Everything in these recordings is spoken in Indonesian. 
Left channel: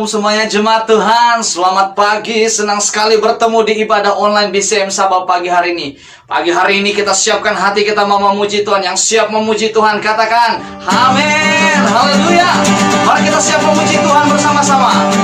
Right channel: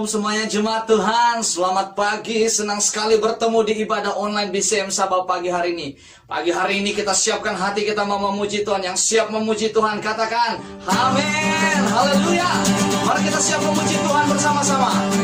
Shalom semuanya jemaat Tuhan. Selamat pagi, senang sekali bertemu di ibadah online BCM Sabah pagi hari ini. Pagi hari ini kita siapkan hati kita mau memuji Tuhan. Yang siap memuji Tuhan katakan amin, haleluya. Mari kita siap memuji Tuhan bersama-sama.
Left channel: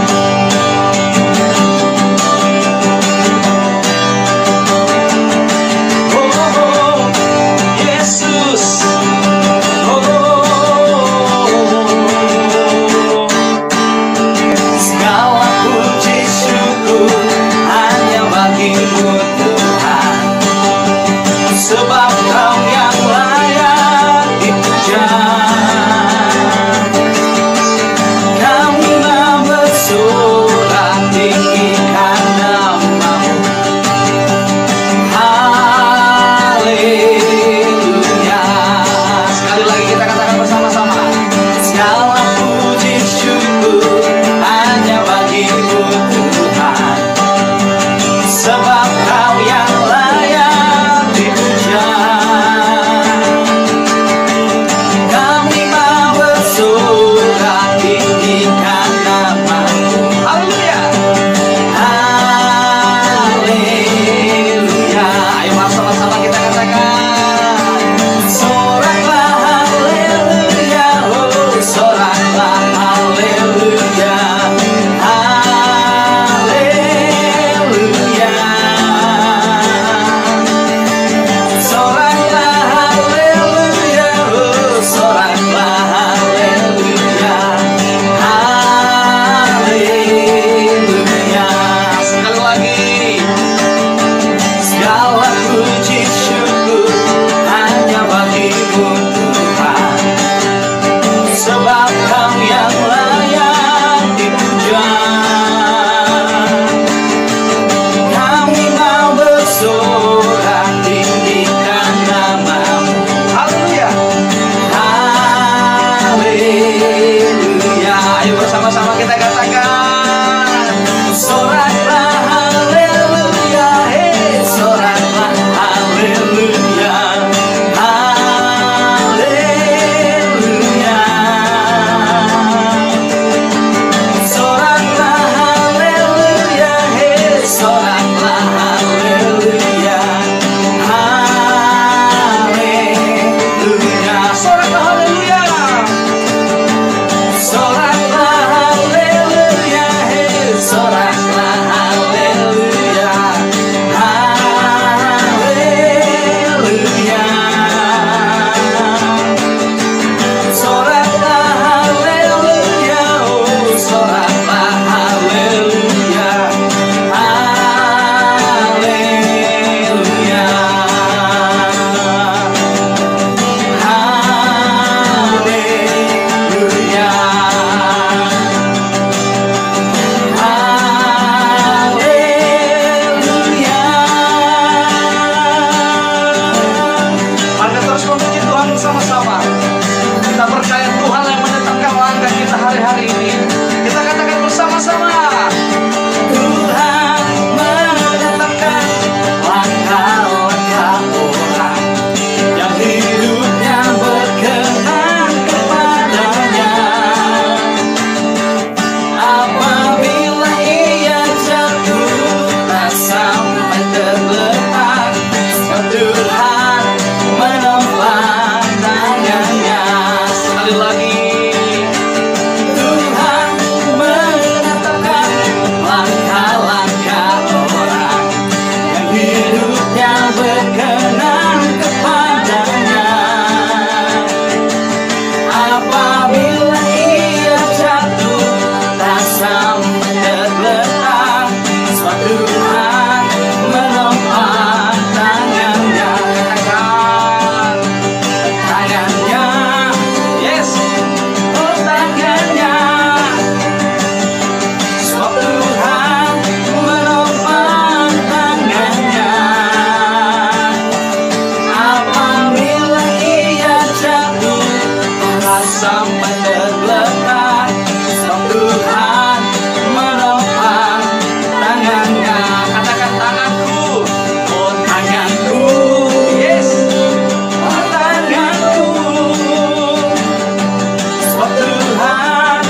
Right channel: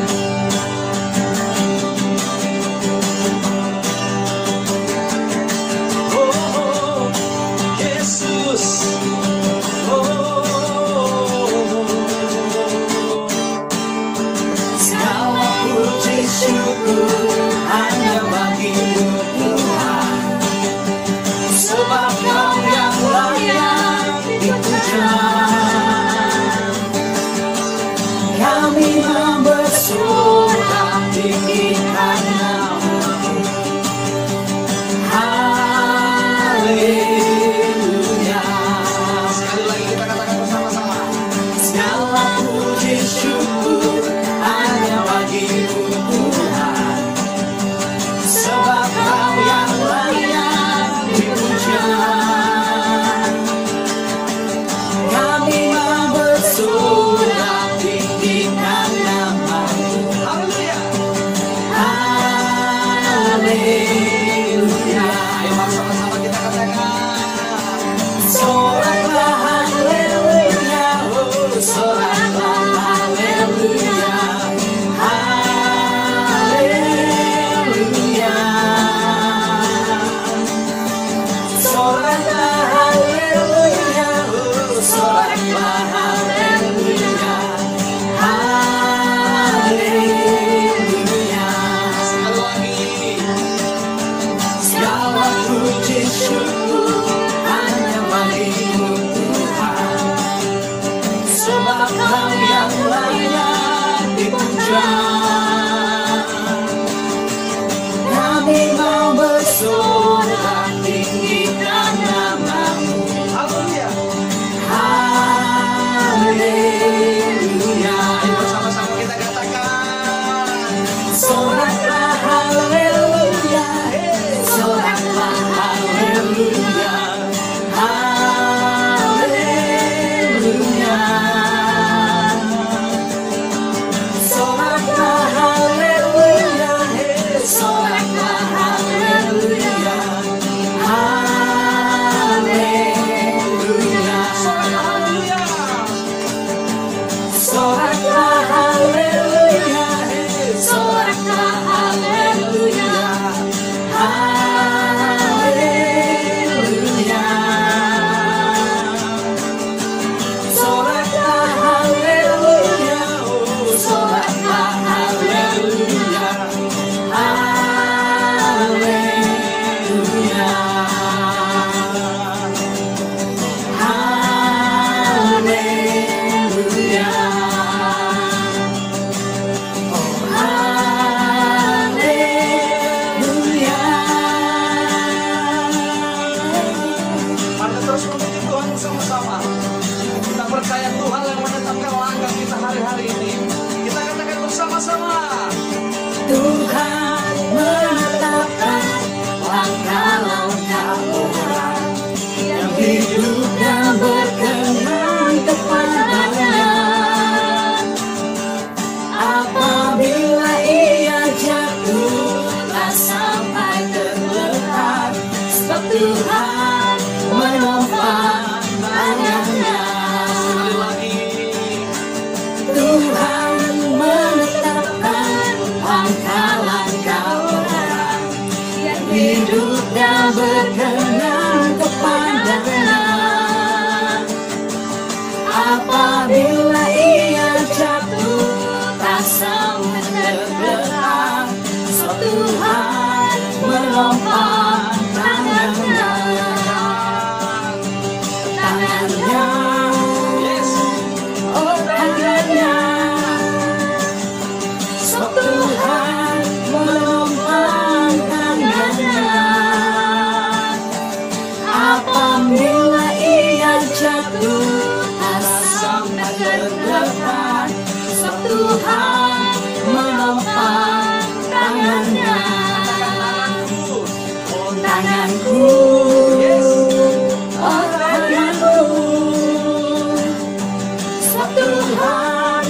Tuhan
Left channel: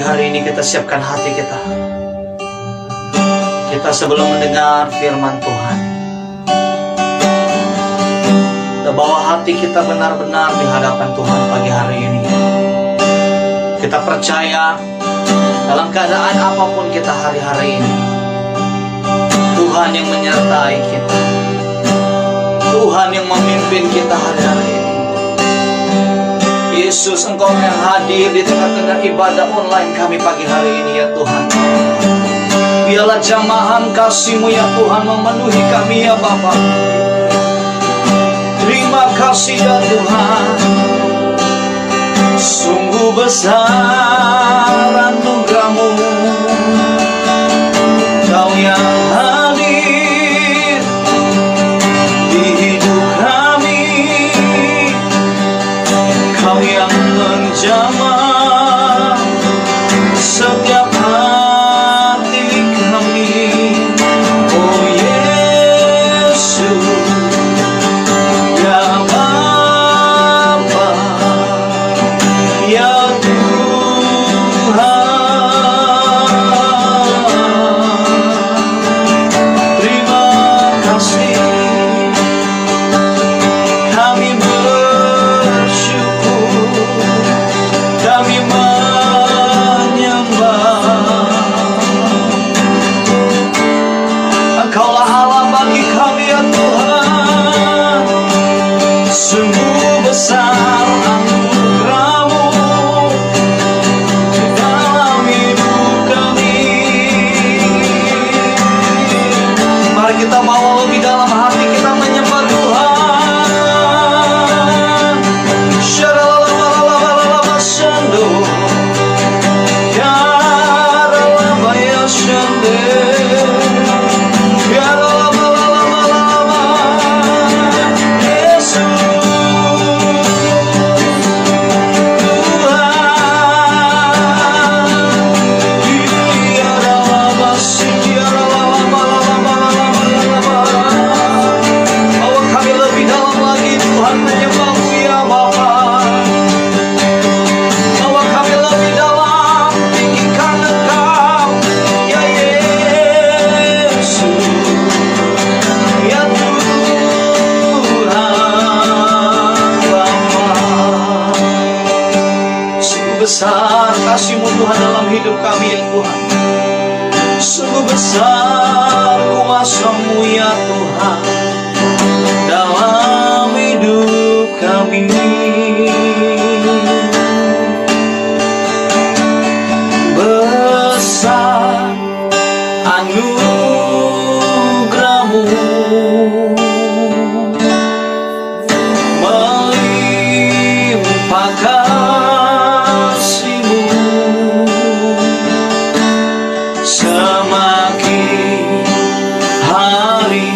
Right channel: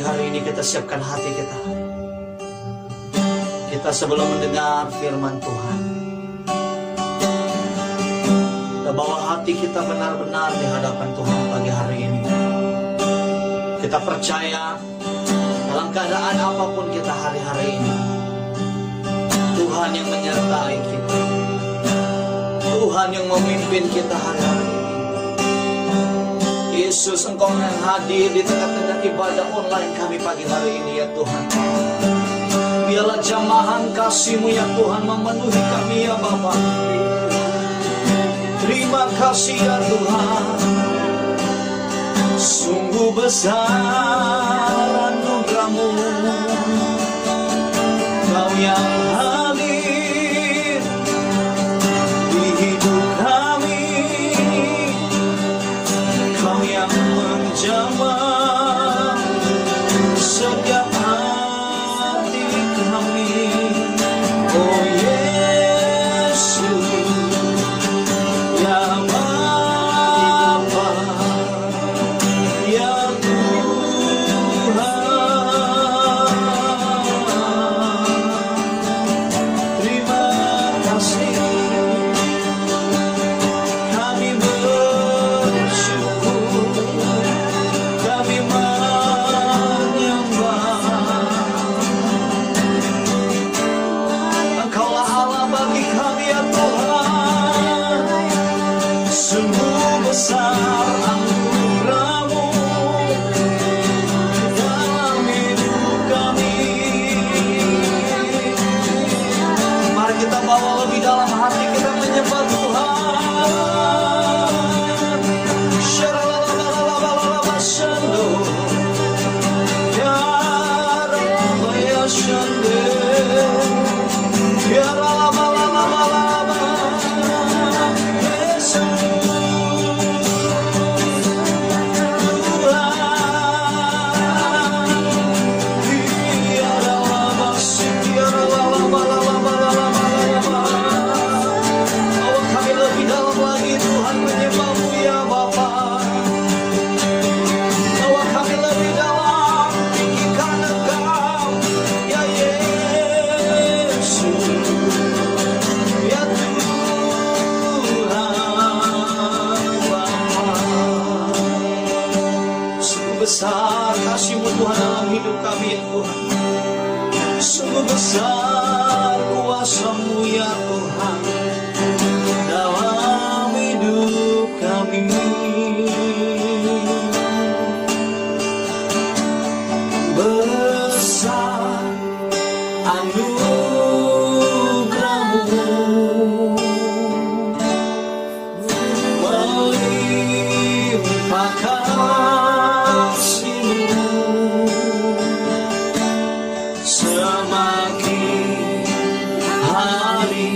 Pagi hari ini kita siapkan hati kita. Kita sebelum mendengar firman Tuhan, kita bawa hati kita benar-benar di hadapan Tuhan pagi hari ini. Kita percaya dalam keadaan apapun kita hari-hari ini, Tuhan yang menyertai kita, Tuhan yang memimpin kita hari-hari ini. Yesus, Engkau yang hadir di tengah-tengah ibadah online kami pagi hari ini ya Tuhan. Biarlah jamahan kasih-Mu ya Tuhan memenuhi kami ya Bapa. Terima kasih ya Tuhan. Sungguh besar anugerah-Mu, Kau yang hadir di hidup kami, Kau yang menjamah setiap hati kami. Oh Yesus, ya Bapa, ya Tuhan, terima kasih. Kami bersyukur, kami menyembah. Engkaulah Allah bagi kami ya Tuhan. Sungguh besar anugerah-Mu dalam hidup kami. Mari kita bawa lebih dalam hati kita menyembah Tuhan. Syaralalalalalalala syando, yaralabaya syande, yaralalalalala. Yesus besar kasih-Mu Tuhan dalam hidup kami ya Tuhan. Sungguh besar kuasa-Mu ya Tuhan dalam hidup kami. Besar anugerah-Mu, melimpah kasih-Mu, semakin hari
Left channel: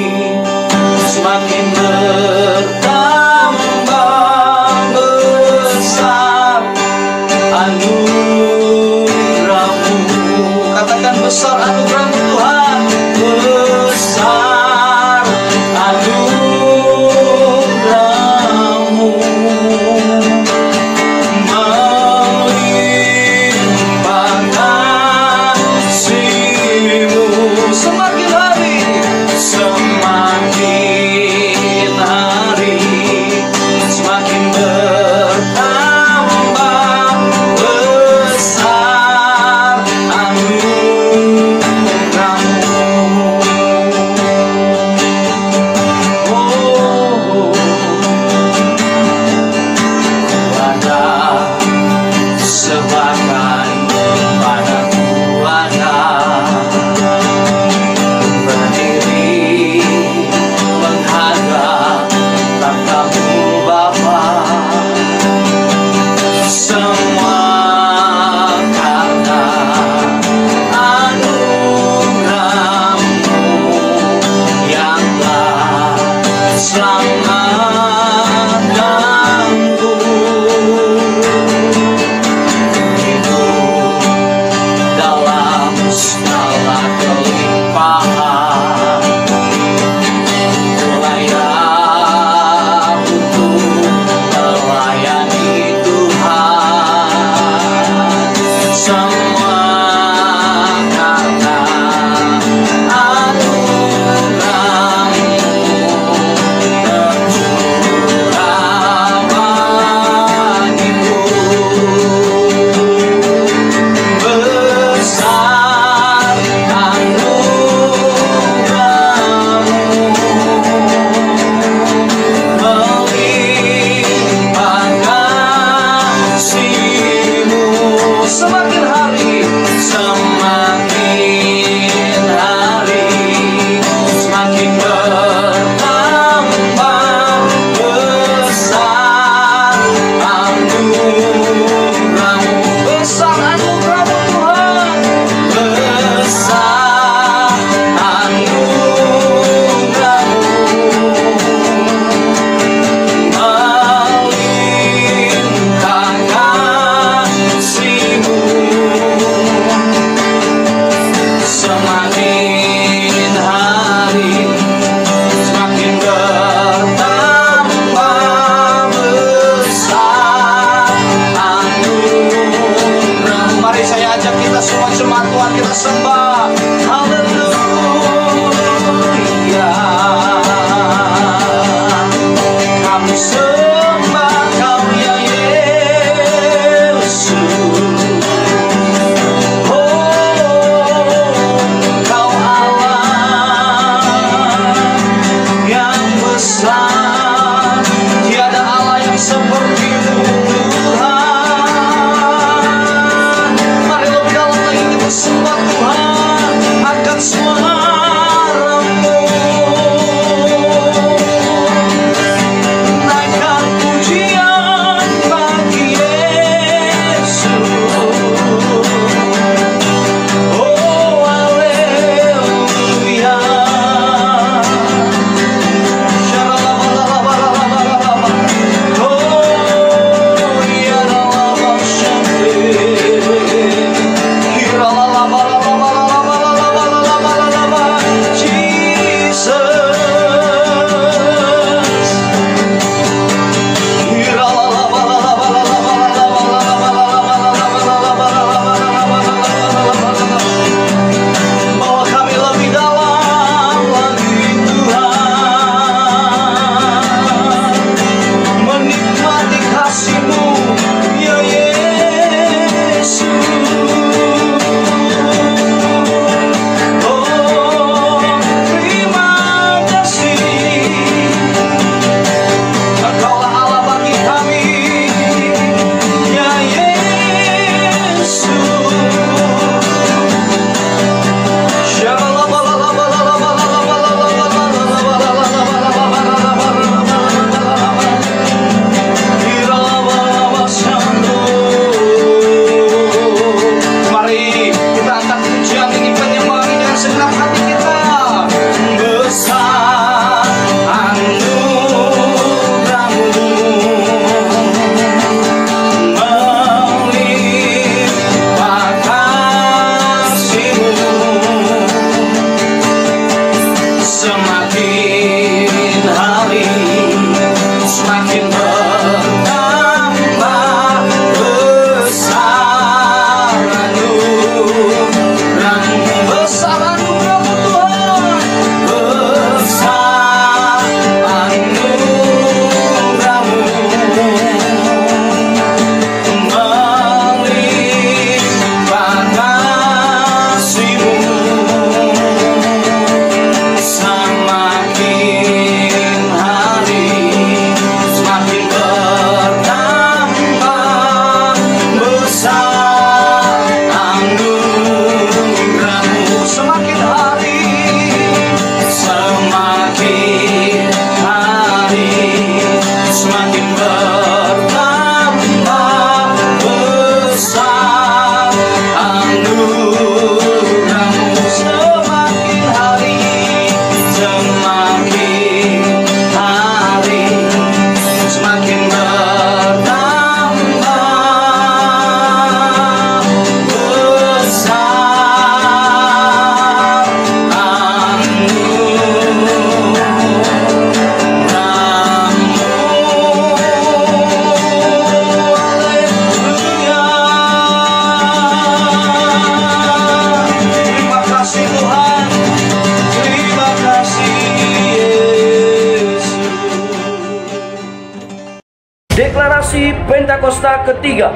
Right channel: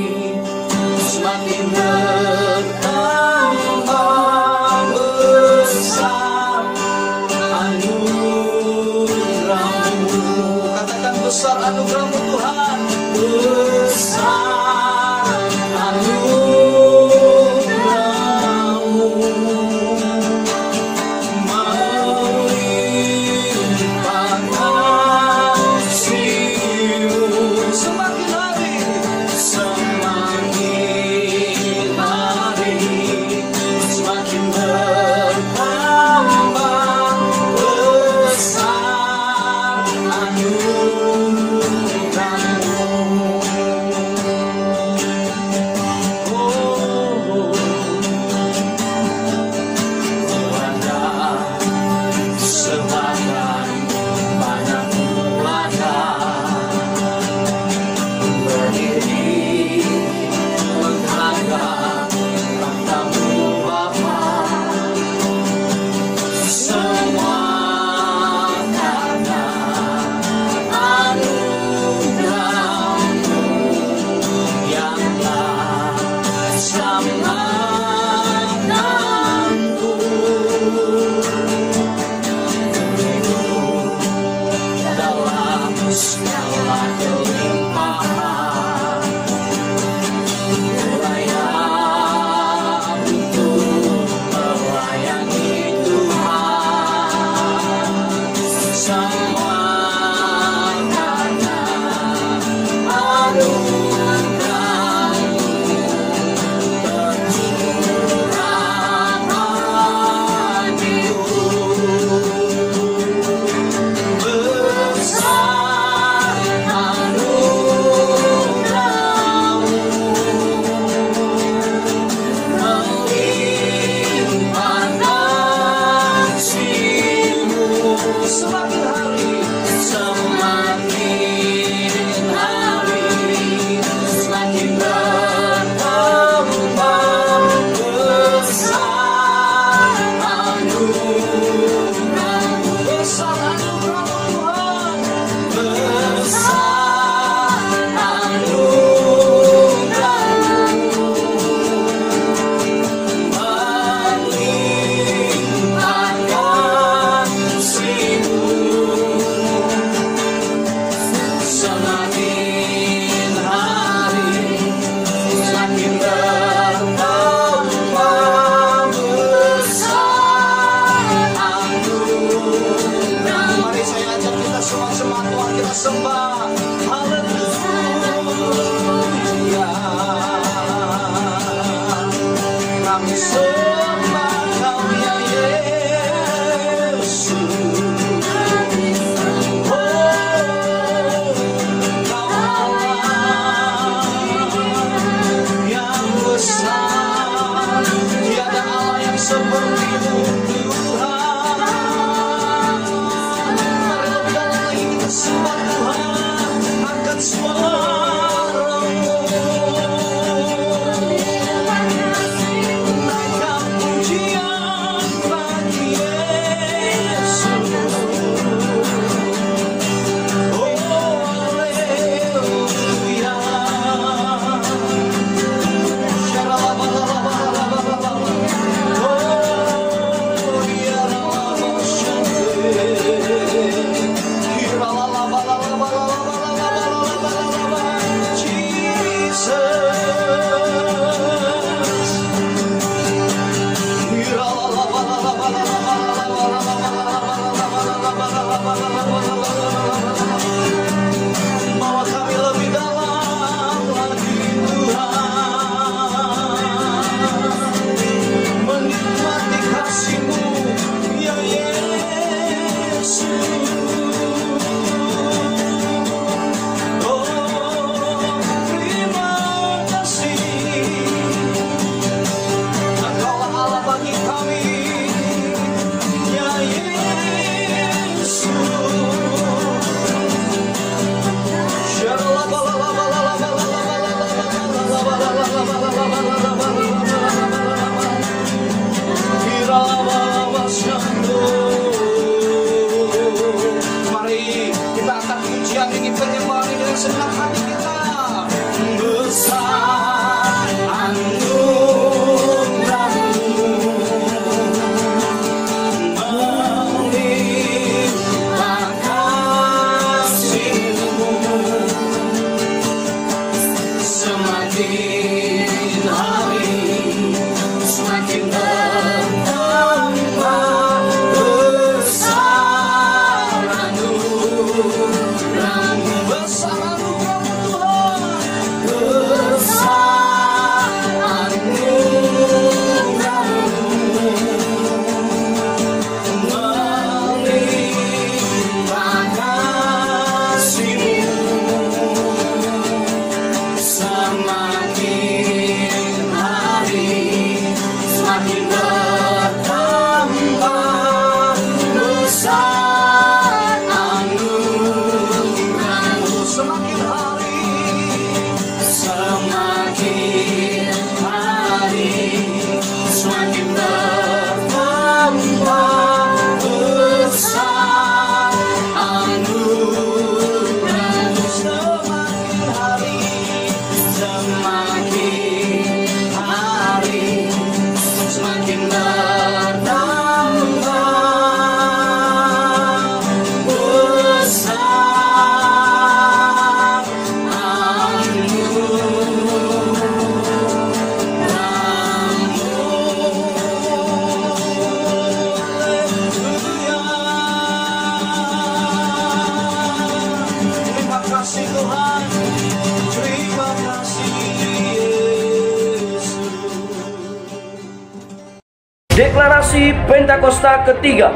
Deklarasi Pentakosta ketiga.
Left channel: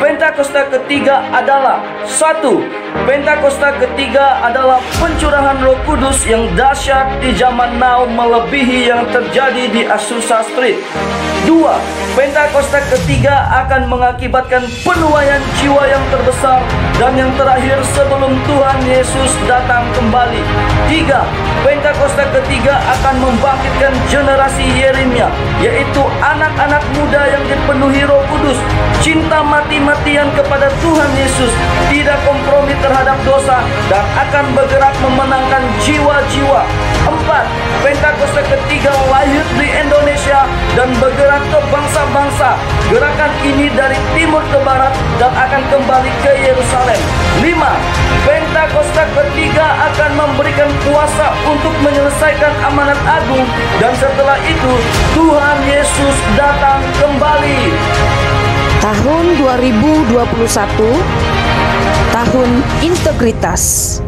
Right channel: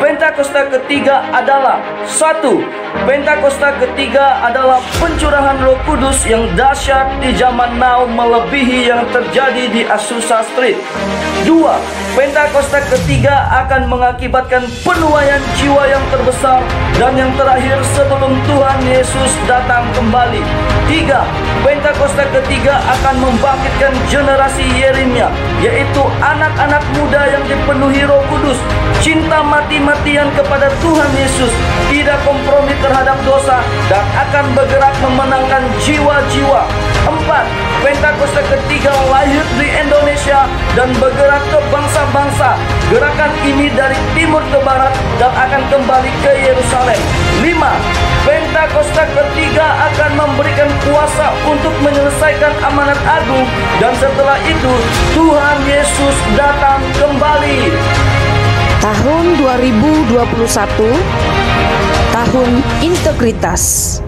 Pentakosta ketiga adalah 1. Pentakosta ketiga adalah pencurahan Roh Kudus yang dahsyat di zaman now melebihi yang terjadi di Azusa Street. 2. Pentakosta ketiga akan mengakibatkan penuaian jiwa yang terbesar dan yang terakhir sebelum Tuhan Yesus datang kembali. 3. Pentakosta ketiga akan membangkitkan generasi Yeremia, yaitu anak-anak muda yang dipenuhi Roh Kudus, cinta mati-matian kepada Tuhan Yesus, tidak kompromi terhadap dosa, dan akan bergerak memenangkan jiwa-jiwa. 4. Pentakosta ketiga lahir di Indonesia dan bergerak ke bangsa-bangsa. Gerakan ini dari timur ke barat dan akan kembali ke Yerusalem. 5. Pentakosta ketiga akan memberikan kuasa untuk menyelesaikan amanat agung, dan setelah itu Tuhan Yesus datang kembali. Tahun 2021, tahun integritas.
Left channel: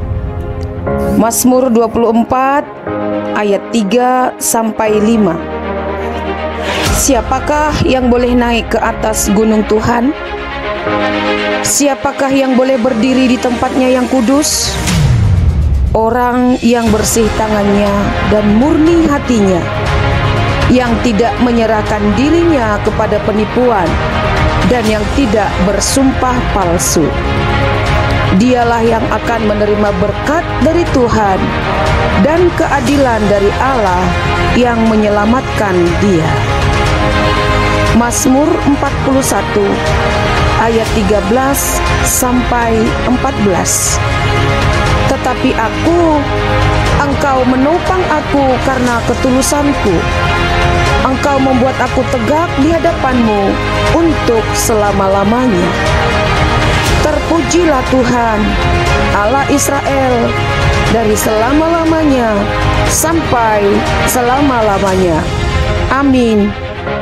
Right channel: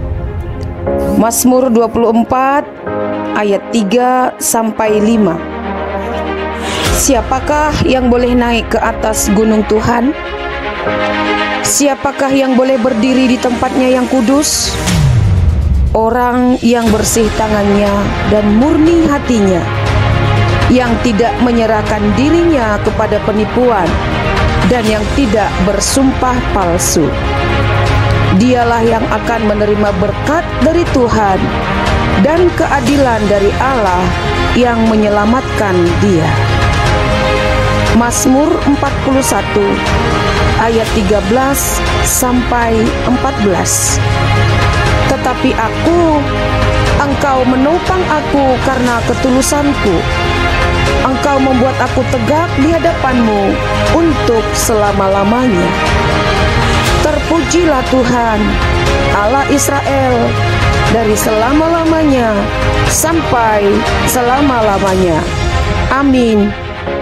Mazmur 24 ayat 3 sampai 5. Siapakah yang boleh naik ke atas gunung Tuhan? Siapakah yang boleh berdiri di tempatnya yang kudus? Orang yang bersih tangannya dan murni hatinya, yang tidak menyerahkan dirinya kepada penipuan dan yang tidak bersumpah palsu. Dialah yang akan menerima berkat dari Tuhan dan keadilan dari Allah yang menyelamatkan dia. Mazmur 41 ayat 13 sampai 14. Tetapi aku, Engkau menopang aku karena ketulusanku. Engkau membuat aku tegak di hadapan-Mu untuk selama-lamanya. Terpujilah Tuhan, Allah Israel, dari selama-lamanya sampai selama-lamanya. Amin.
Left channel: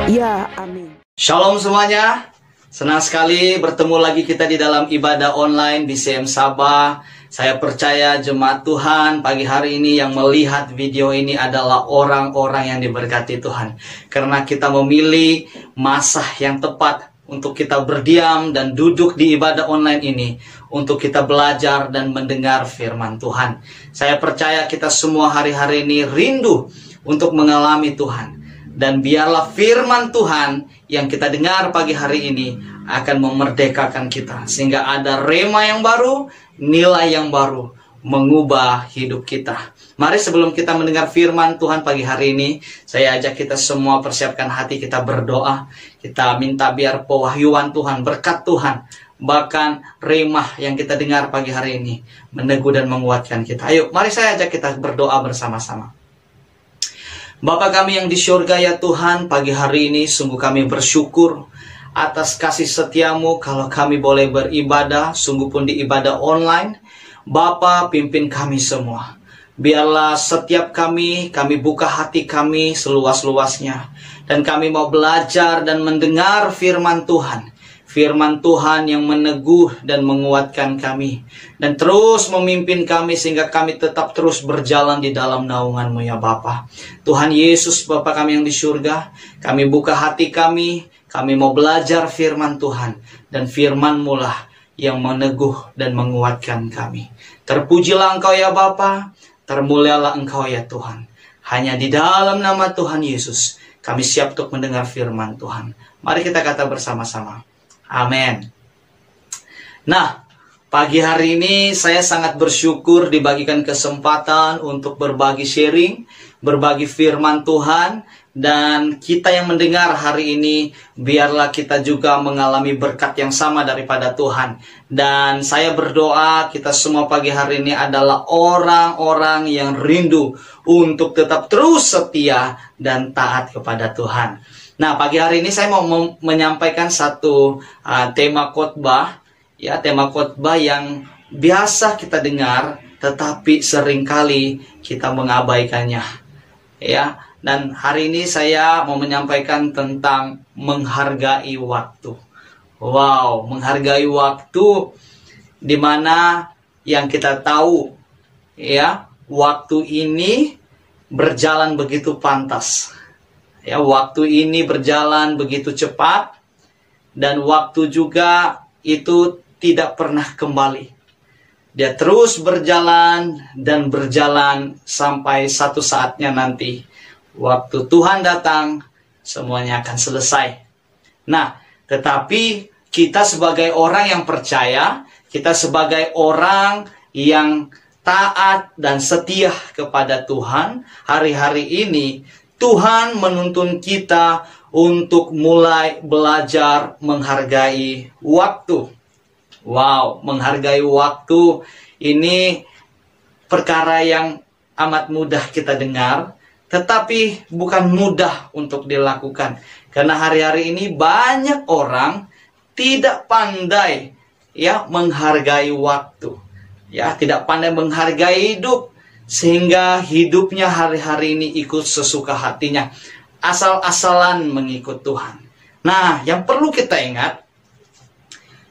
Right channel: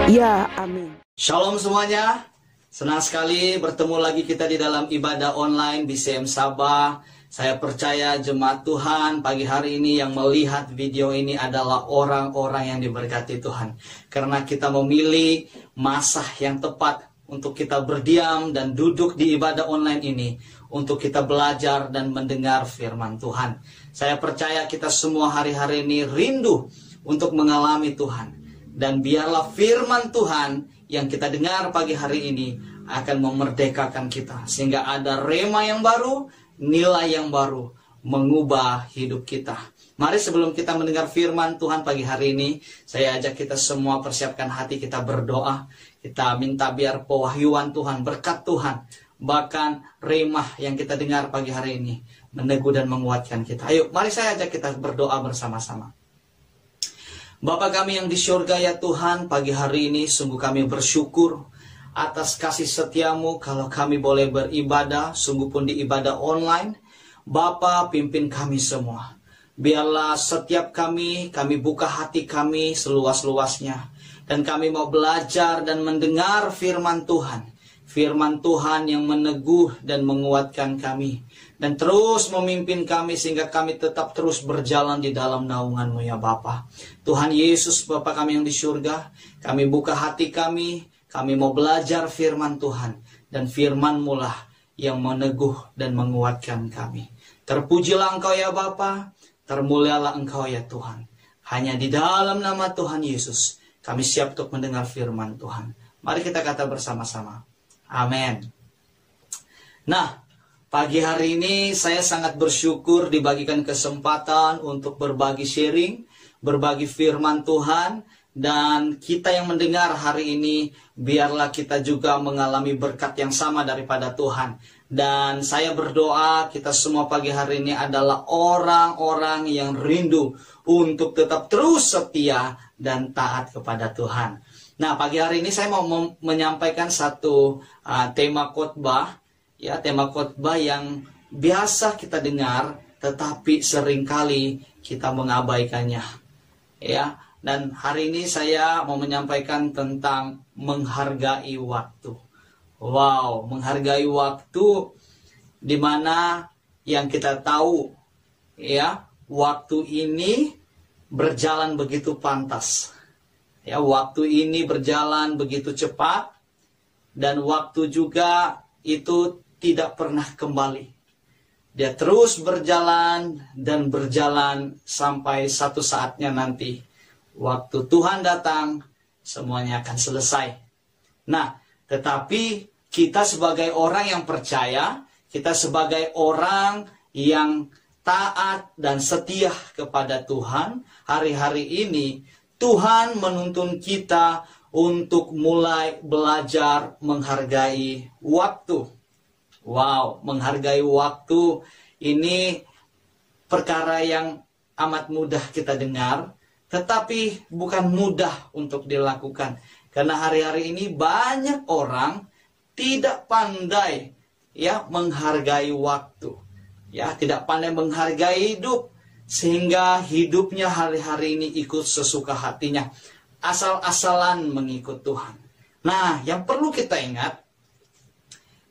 Ya, amin. Shalom semuanya. Senang sekali bertemu lagi kita di dalam ibadah online BCM Sabah. Saya percaya jemaat Tuhan pagi hari ini yang melihat video ini adalah orang-orang yang diberkati Tuhan. Karena kita memilih masa yang tepat untuk kita berdiam dan duduk di ibadah online ini, untuk kita belajar dan mendengar firman Tuhan. Saya percaya kita semua hari-hari ini rindu untuk mengalami Tuhan. Dan biarlah firman Tuhan yang kita dengar pagi hari ini akan memerdekakan kita, sehingga ada rema yang baru, nilai yang baru, mengubah hidup kita. Mari sebelum kita mendengar firman Tuhan pagi hari ini, saya ajak kita semua persiapkan hati kita berdoa. Kita minta biar pewahyuan Tuhan, berkat Tuhan, bahkan rema yang kita dengar pagi hari ini meneguh dan menguatkan kita. Ayo, mari saya ajak kita berdoa bersama-sama. Bapa kami yang di surga ya Tuhan, pagi hari ini sungguh kami bersyukur atas kasih setiamu kalau kami boleh beribadah, sungguh pun di ibadah online. Bapa, pimpin kami semua. Biarlah setiap kami buka hati kami seluas-luasnya. Dan kami mau belajar dan mendengar firman Tuhan. Firman Tuhan yang meneguh dan menguatkan kami. Dan terus memimpin kami sehingga kami tetap terus berjalan di dalam naungan-Mu ya Bapa. Tuhan Yesus, Bapa kami yang di surga, kami buka hati kami. Kami mau belajar firman Tuhan. Dan firman-Mu lah yang meneguh dan menguatkan kami. Terpujilah Engkau ya Bapa. Termulialah Engkau ya Tuhan. Hanya di dalam nama Tuhan Yesus kami siap untuk mendengar firman Tuhan. Mari kita kata bersama-sama. Amin. Nah, pagi hari ini saya sangat bersyukur dibagikan kesempatan untuk berbagi sharing, berbagi firman Tuhan. Dan kita yang mendengar hari ini, biarlah kita juga mengalami berkat yang sama daripada Tuhan. Dan saya berdoa kita semua pagi hari ini adalah orang-orang yang rindu untuk tetap terus setia dan taat kepada Tuhan. Nah, pagi hari ini saya mau menyampaikan satu tema khotbah, ya, tema khotbah yang biasa kita dengar, tetapi seringkali kita mengabaikannya, ya. Dan hari ini saya mau menyampaikan tentang menghargai waktu. Wow, menghargai waktu, di mana yang kita tahu, ya, waktu ini berjalan begitu pantas. Ya, waktu ini berjalan begitu cepat, dan waktu juga itu tidak pernah kembali. Dia terus berjalan dan berjalan sampai satu saatnya nanti. Waktu Tuhan datang, semuanya akan selesai. Nah, tetapi kita sebagai orang yang percaya, kita sebagai orang yang taat dan setia kepada Tuhan, hari-hari ini Tuhan menuntun kita untuk mulai belajar menghargai waktu. Wow, menghargai waktu ini perkara yang amat mudah kita dengar, tetapi bukan mudah untuk dilakukan. Karena hari-hari ini banyak orang tidak pandai, ya, menghargai waktu. Ya, tidak pandai menghargai hidup, sehingga hidupnya hari-hari ini ikut sesuka hatinya, asal-asalan mengikut Tuhan. Nah, yang perlu kita ingat,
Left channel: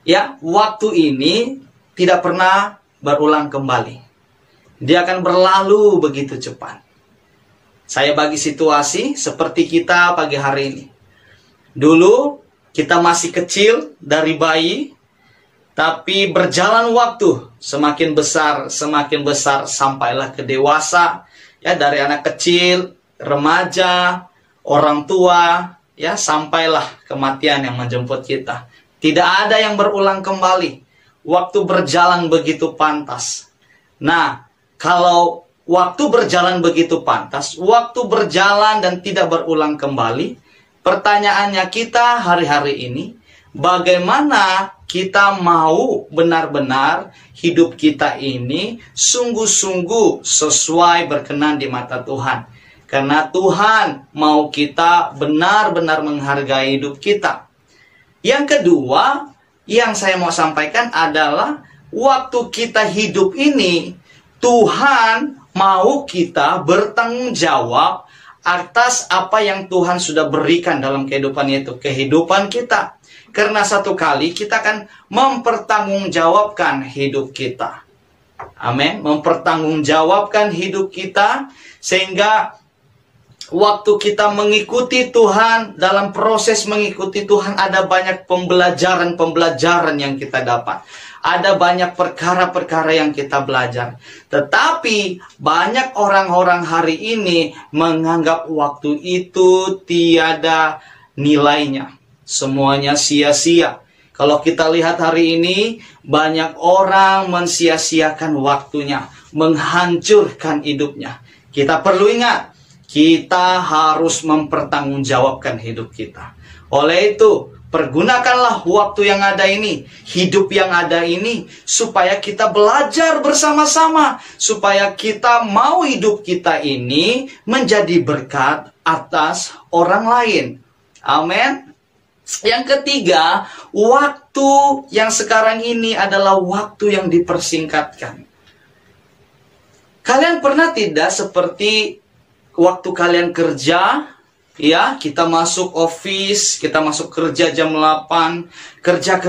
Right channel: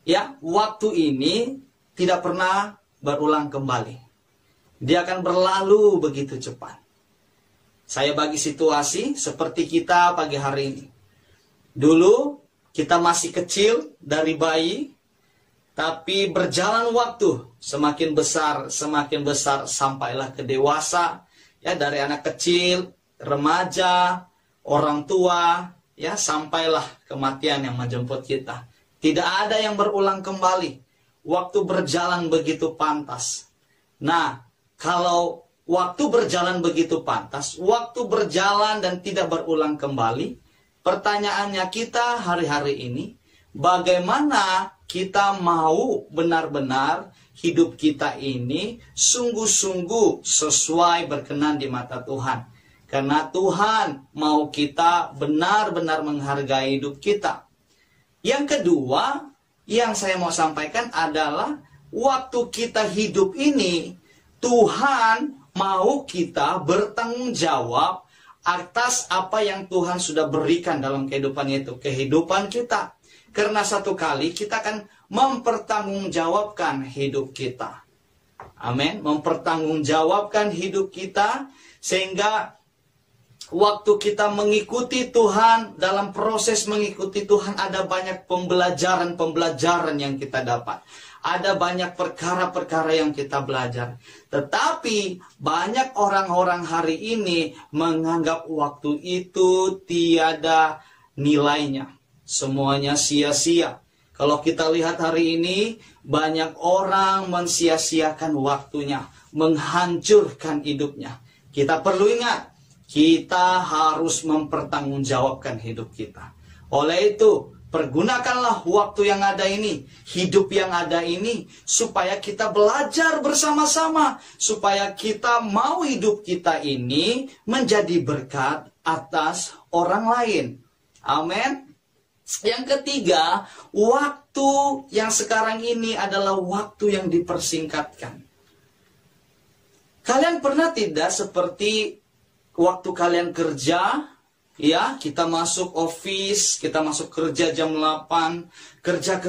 ya, waktu ini tidak pernah berulang kembali. Dia akan berlalu begitu cepat. Saya bagi situasi seperti kita pagi hari ini. Dulu kita masih kecil dari bayi, tapi berjalan waktu semakin besar sampailah ke dewasa. Ya, dari anak kecil, remaja, orang tua, ya, sampailah kematian yang menjemput kita. Tidak ada yang berulang kembali. Waktu berjalan begitu pantas. Nah, kalau waktu berjalan begitu pantas, waktu berjalan dan tidak berulang kembali, pertanyaannya kita hari-hari ini, bagaimana kita mau benar-benar hidup kita ini sungguh-sungguh sesuai berkenan di mata Tuhan. Karena Tuhan mau kita benar-benar menghargai hidup kita. Yang kedua, yang saya mau sampaikan adalah waktu kita hidup ini, Tuhan mau kita bertanggung jawab atas apa yang Tuhan sudah berikan dalam kehidupan itu, kehidupan kita. Karena satu kali kita akan mempertanggungjawabkan hidup kita. Amin. Mempertanggungjawabkan hidup kita, sehingga waktu kita mengikuti Tuhan, dalam proses mengikuti Tuhan ada banyak pembelajaran yang kita dapat. Ada banyak perkara-perkara yang kita belajar. Tetapi banyak orang-orang hari ini menganggap waktu itu tiada nilainya. Semuanya sia-sia. Kalau kita lihat hari ini, banyak orang mensia-siakan waktunya, menghancurkan hidupnya. Kita perlu ingat, kita harus mempertanggungjawabkan hidup kita. Oleh itu, pergunakanlah waktu yang ada ini, hidup yang ada ini, supaya kita belajar bersama-sama, supaya kita mau hidup kita ini menjadi berkat atas orang lain. Amin. Yang ketiga, waktu yang sekarang ini adalah waktu yang dipersingkatkan. Kalian pernah tidak seperti waktu kalian kerja, ya, kita masuk office, kita masuk kerja jam 8, kerja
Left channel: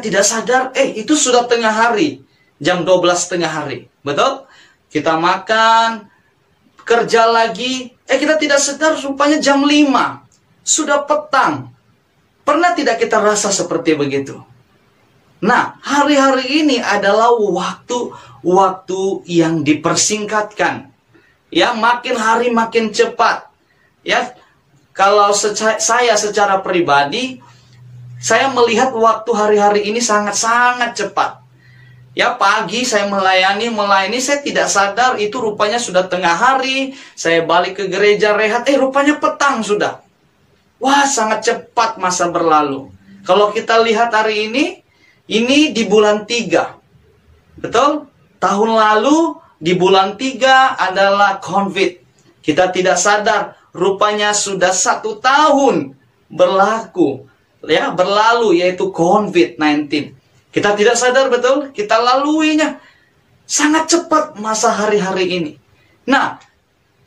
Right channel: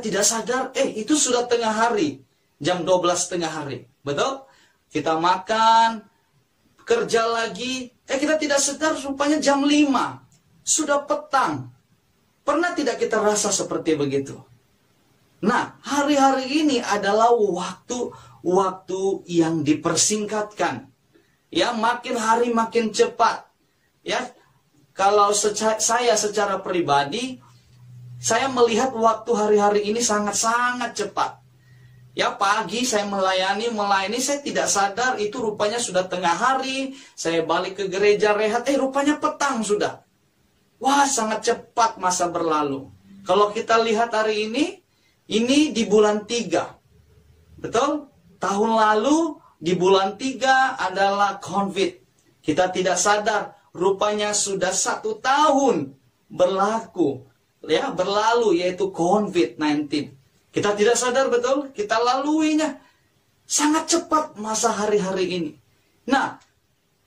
tidak sadar, itu sudah tengah hari, jam 12 tengah hari, betul? Kita makan, kerja lagi, kita tidak sadar rupanya jam 5, sudah petang. Pernah tidak kita rasa seperti begitu? Nah, hari-hari ini adalah waktu yang dipersingkatkan. Ya, makin hari makin cepat. Ya, kalau saya secara pribadi, saya melihat waktu hari-hari ini sangat-sangat cepat. Ya, pagi saya melayani, saya tidak sadar itu rupanya sudah tengah hari. Saya balik ke gereja rehat, rupanya petang sudah. Wah, sangat cepat masa berlalu. Kalau kita lihat hari ini di bulan 3. Betul? Tahun lalu di bulan 3 adalah COVID. Kita tidak sadar, rupanya sudah 1 tahun berlalu, yaitu COVID-19. Kita tidak sadar, betul? Kita laluinya. Sangat cepat masa hari-hari ini. Nah,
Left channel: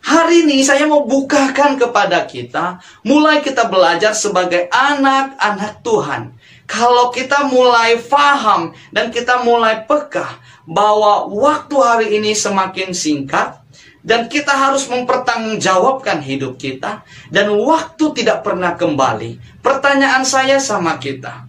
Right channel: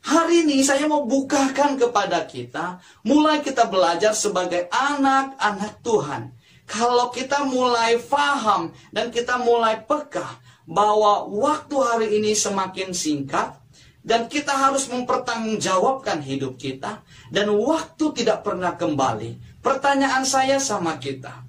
hari ini saya mau bukakan kepada kita, mulai kita belajar sebagai anak-anak Tuhan. Kalau kita mulai paham dan kita mulai peka bahwa waktu hari ini semakin singkat dan kita harus mempertanggungjawabkan hidup kita dan waktu tidak pernah kembali. Pertanyaan saya sama kita,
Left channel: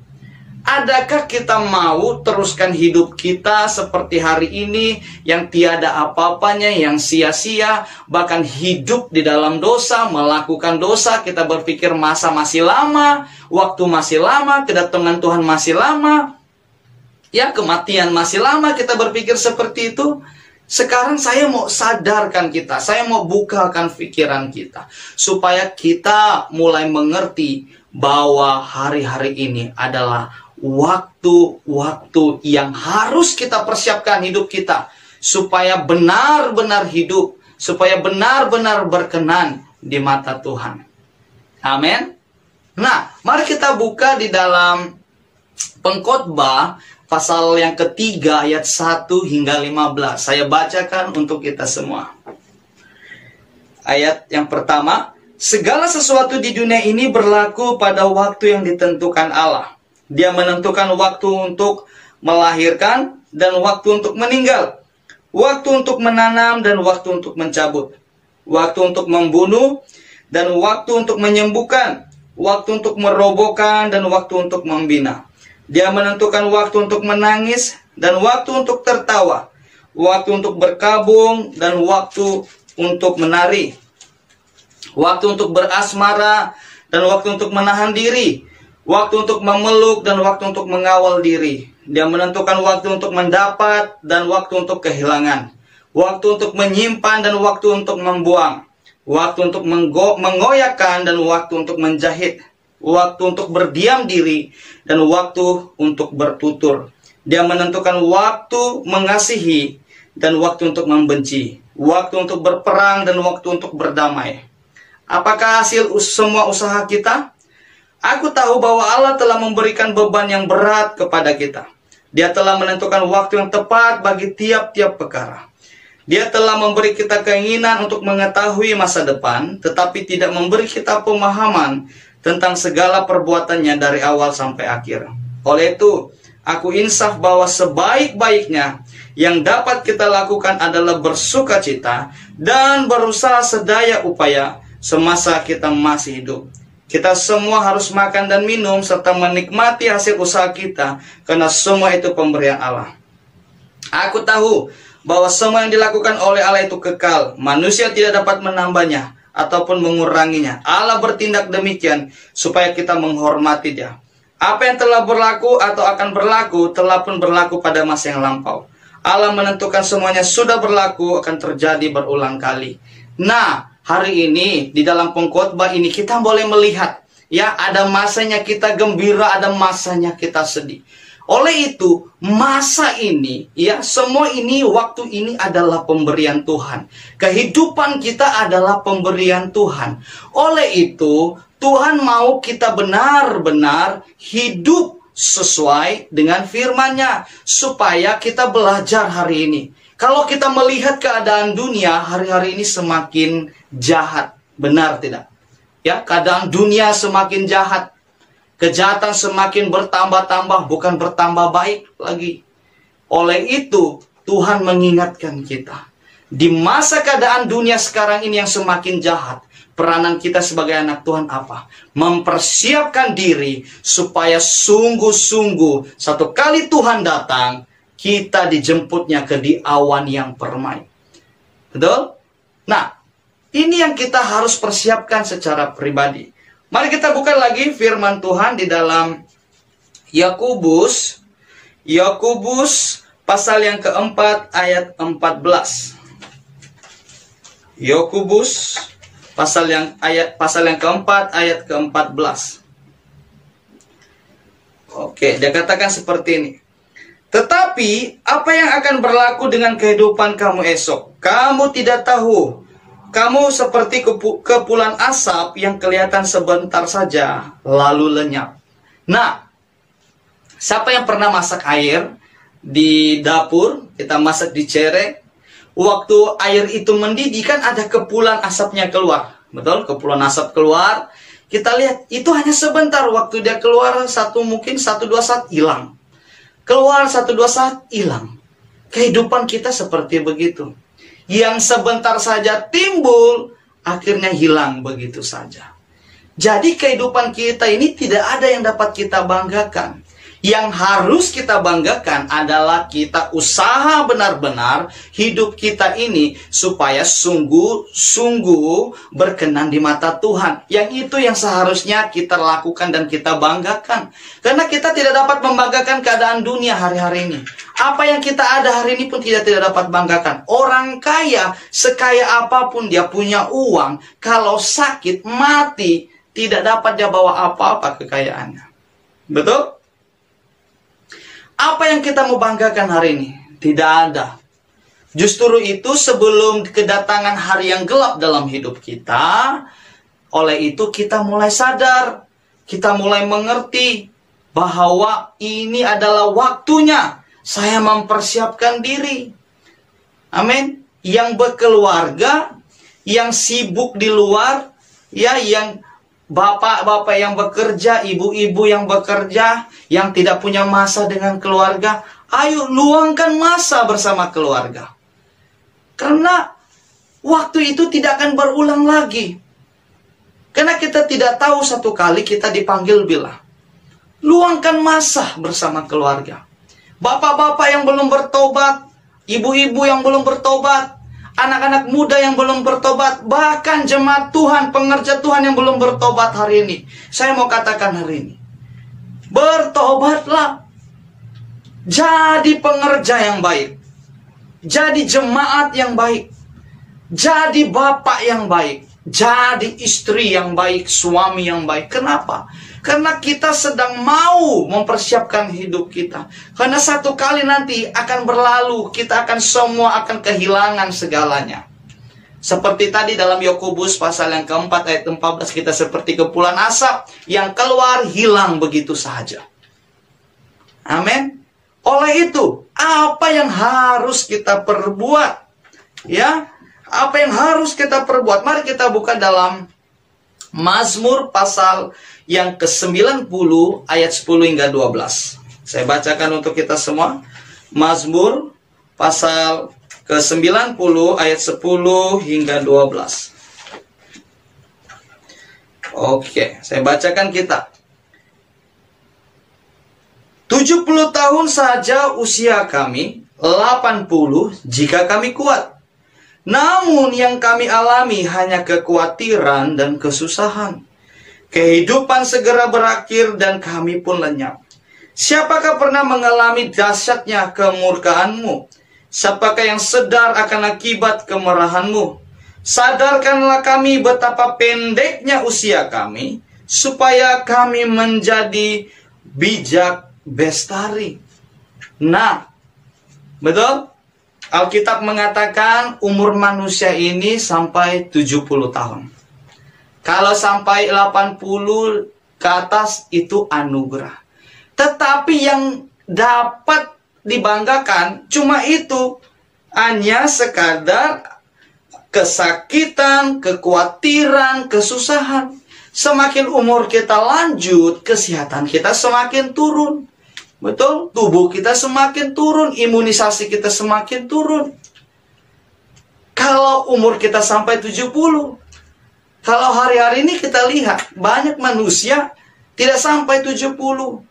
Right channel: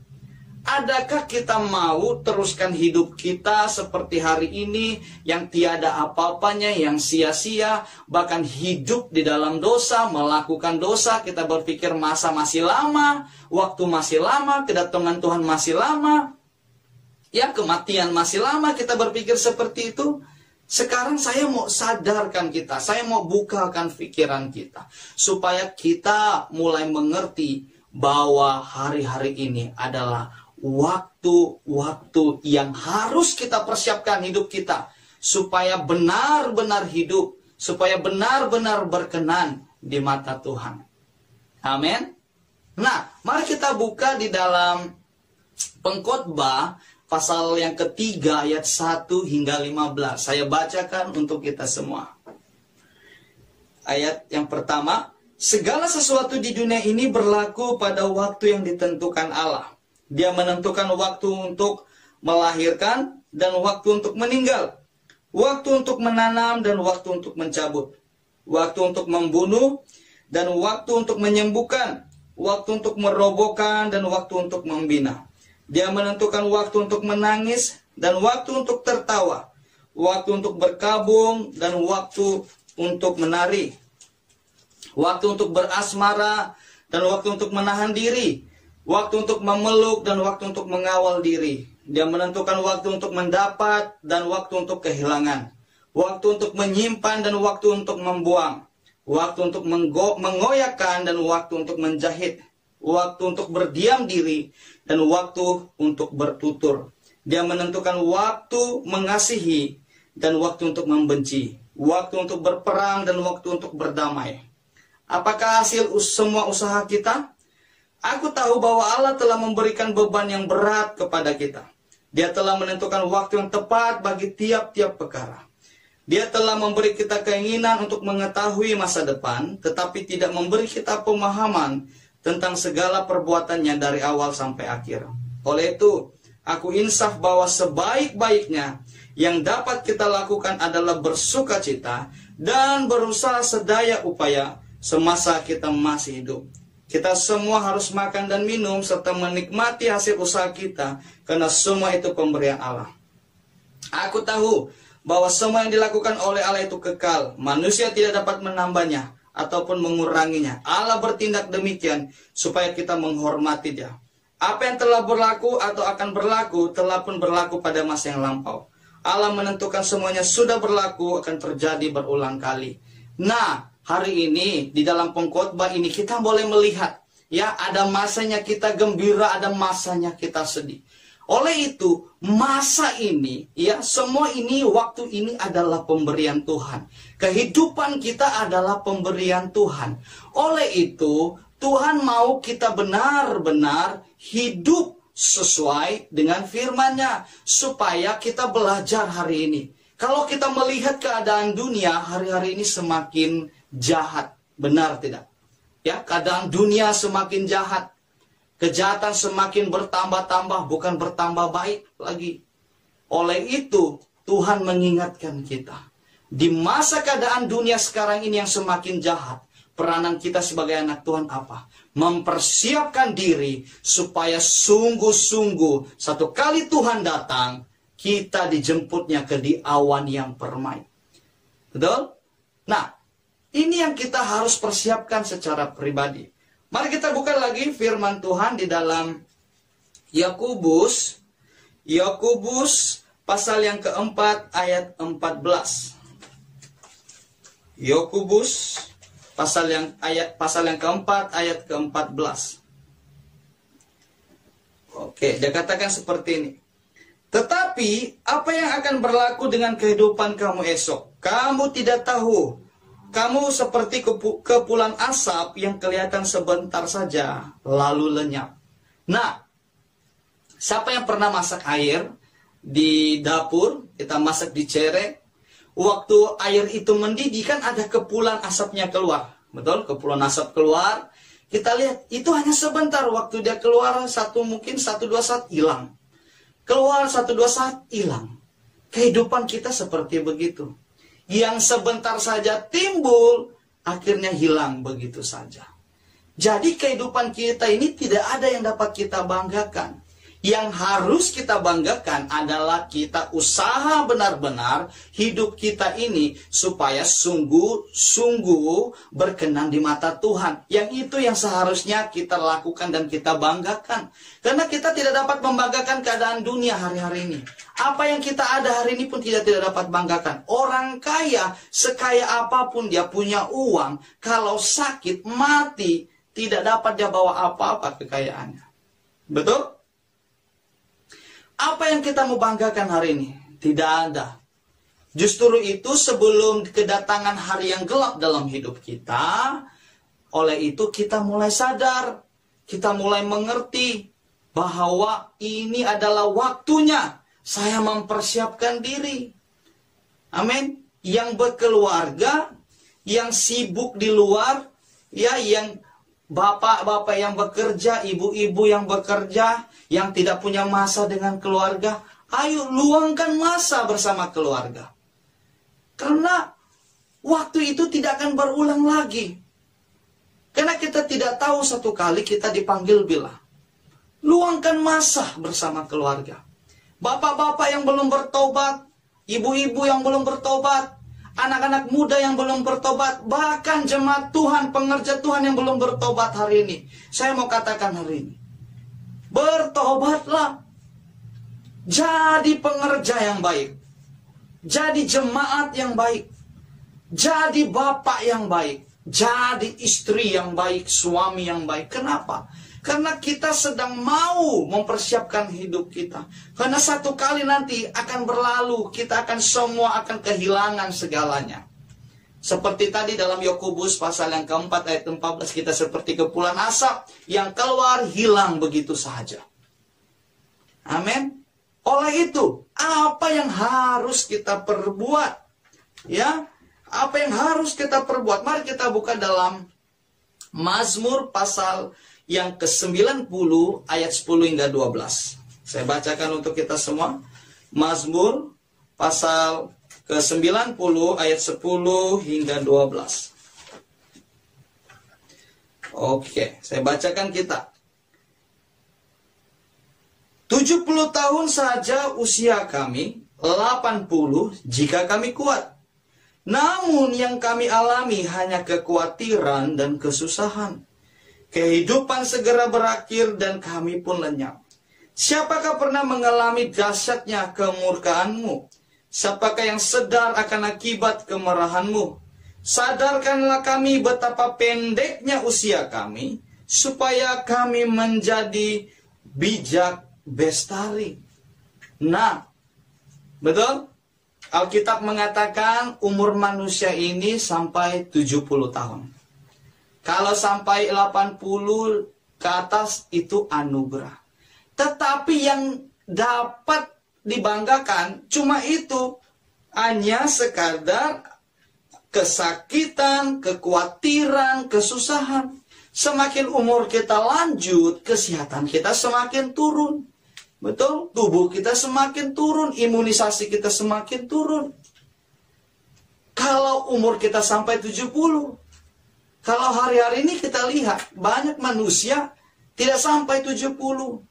adakah kita mau teruskan hidup kita seperti hari ini yang tiada apa-apanya, yang sia-sia, bahkan hidup di dalam dosa, melakukan dosa, kita berpikir masa masih lama, waktu masih lama, kedatangan Tuhan masih lama, ya, kematian masih lama, kita berpikir seperti itu. Sekarang saya mau sadarkan kita, saya mau bukakan pikiran kita, supaya kita mulai mengerti bahwa hari-hari ini adalah waktu-waktu yang harus kita persiapkan hidup kita, supaya benar-benar hidup, supaya benar-benar berkenan di mata Tuhan. Amin. Nah, mari kita buka di dalam Pengkhotbah pasal yang ketiga ayat 1 hingga 15. Saya bacakan untuk kita semua. Ayat yang pertama, segala sesuatu di dunia ini berlaku pada waktu yang ditentukan Allah. Dia menentukan waktu untuk melahirkan dan waktu untuk meninggal, waktu untuk menanam dan waktu untuk mencabut, waktu untuk membunuh dan waktu untuk menyembuhkan, waktu untuk merobohkan, dan waktu untuk membina. Dia menentukan waktu untuk menangis dan waktu untuk tertawa, waktu untuk berkabung dan waktu untuk menari, waktu untuk berasmara dan waktu untuk menahan diri, waktu untuk memeluk dan waktu untuk mengawal diri. Dia menentukan waktu untuk mendapat dan waktu untuk kehilangan, waktu untuk menyimpan dan waktu untuk membuang, waktu untuk mengoyakkan dan waktu untuk menjahit, waktu untuk berdiam diri dan waktu untuk bertutur. Dia menentukan waktu mengasihi dan waktu untuk membenci, waktu untuk berperang dan waktu untuk berdamai. Apakah hasil semua usaha kita? Aku tahu bahwa Allah telah memberikan beban yang berat kepada kita. Dia telah menentukan waktu yang tepat bagi tiap-tiap perkara. Dia telah memberi kita keinginan untuk mengetahui masa depan, tetapi tidak memberi kita pemahaman tentang segala perbuatannya dari awal sampai akhir. Oleh itu, aku insaf bahwa sebaik-baiknya yang dapat kita lakukan adalah bersukacita dan berusaha sedaya upaya semasa kita masih hidup. Kita semua harus makan dan minum serta menikmati hasil usaha kita, karena semua itu pemberian Allah. Aku tahu bahwa semua yang dilakukan oleh Allah itu kekal. Manusia tidak dapat menambahnya ataupun menguranginya. Allah bertindak demikian supaya kita menghormati Dia. Apa yang telah berlaku atau akan berlaku telah pun berlaku pada masa yang lampau. Allah menentukan semuanya sudah berlaku, akan terjadi berulang kali. Nah, hari ini di dalam pengkhotbah ini kita boleh melihat, ya, ada masanya kita gembira, ada masanya kita sedih. Oleh itu, masa ini, ya, semua ini, waktu ini adalah pemberian Tuhan. Kehidupan kita adalah pemberian Tuhan. Oleh itu, Tuhan mau kita benar-benar hidup sesuai dengan firman-Nya, supaya kita belajar hari ini. Kalau kita melihat keadaan dunia hari-hari ini semakin jahat, benar tidak? Ya, keadaan dunia semakin jahat. Kejahatan semakin bertambah-tambah, bukan bertambah baik lagi. Oleh itu, Tuhan mengingatkan kita. Di masa keadaan dunia sekarang ini yang semakin jahat, peranan kita sebagai anak Tuhan apa? Mempersiapkan diri supaya sungguh-sungguh satu kali Tuhan datang, kita dijemputnya ke di awan yang permai. Betul? Nah, ini yang kita harus persiapkan secara pribadi. Mari kita buka lagi firman Tuhan di dalam Yakobus pasal yang keempat ayat 14. Yakobus pasal yang keempat ayat ke-14. Oke, dia katakan seperti ini. Tetapi apa yang akan berlaku dengan kehidupan kamu esok? Kamu tidak tahu. Kamu seperti kepulan asap yang kelihatan sebentar saja lalu lenyap. Nah, siapa yang pernah masak air di dapur? Kita masak di cerek. Waktu air itu mendidih kan ada kepulan asapnya keluar. Betul? Kepulan asap keluar. Kita lihat itu hanya sebentar. Waktu dia keluar mungkin 1-2 saat hilang. Keluar 1-2 saat hilang. Kehidupan kita seperti begitu. Yang sebentar saja timbul, akhirnya hilang begitu saja. Jadi kehidupan kita ini tidak ada yang dapat kita banggakan. Yang harus kita banggakan adalah kita usaha benar-benar hidup kita ini supaya sungguh-sungguh berkenan di mata Tuhan. Yang itu yang seharusnya kita lakukan dan kita banggakan. Karena kita tidak dapat membanggakan keadaan dunia hari-hari ini. Apa yang kita ada hari ini pun tidak dapat banggakan. Orang kaya, sekaya apapun dia punya uang, kalau sakit, mati, tidak dapat dia bawa apa-apa kekayaannya. Betul? Apa yang kita mau banggakan hari ini? Tidak ada. Justru itu sebelum kedatangan hari yang gelap dalam hidup kita, oleh itu kita mulai sadar, kita mulai mengerti bahwa ini adalah waktunya saya mempersiapkan diri. Amin. Yang berkeluarga, yang sibuk di luar, ya, yang bapak-bapak yang bekerja, ibu-ibu yang bekerja, yang tidak punya masa dengan keluarga, ayo luangkan masa bersama keluarga. Karena waktu itu tidak akan berulang lagi. Karena kita tidak tahu satu kali kita dipanggil bila. Luangkan masa bersama keluarga. Bapak-bapak yang belum bertobat, ibu-ibu yang belum bertobat, anak-anak muda yang belum bertobat, bahkan jemaat Tuhan, pengerja Tuhan yang belum bertobat hari ini. Saya mau katakan hari ini, bertobatlah. Jadi pengerja yang baik. Jadi jemaat yang baik. Jadi bapak yang baik. Jadi istri yang baik, suami yang baik. Kenapa? Karena kita sedang mau mempersiapkan hidup kita. Karena satu kali nanti akan berlalu, kita akan semua akan kehilangan segalanya. Seperti tadi dalam Yakobus pasal yang keempat ayat 14, kita seperti kepulan asap yang keluar hilang begitu saja. Amin. Oleh itu, apa yang harus kita perbuat? Ya, apa yang harus kita perbuat? Mari kita buka dalam Mazmur pasal yang ke-90 ayat 10 hingga 12. Saya bacakan untuk kita semua. Mazmur pasal ke-90 ayat 10 hingga 12. Oke, saya bacakan kita. 70 tahun saja usia kami, 80 jika kami kuat. Namun yang kami alami hanya kekhawatiran dan kesusahan. Kehidupan segera berakhir dan kami pun lenyap. Siapakah pernah mengalami dahsyatnya kemurkaanmu? Siapakah yang sadar akan akibat kemarahanmu? Sadarkanlah kami betapa pendeknya usia kami, supaya kami menjadi bijak bestari. Nah, betul? Alkitab mengatakan umur manusia ini sampai 70 tahun. Kalau sampai 80 ke atas itu anugerah. Tetapi yang dapat dibanggakan cuma itu. Hanya sekadar kesakitan, kekhawatiran, kesusahan. Semakin umur kita lanjut, kesehatan kita semakin turun. Betul? Tubuh kita semakin turun, imunisasi kita semakin turun. Kalau umur kita sampai 70, kalau hari-hari ini kita lihat, banyak manusia tidak sampai 70. 60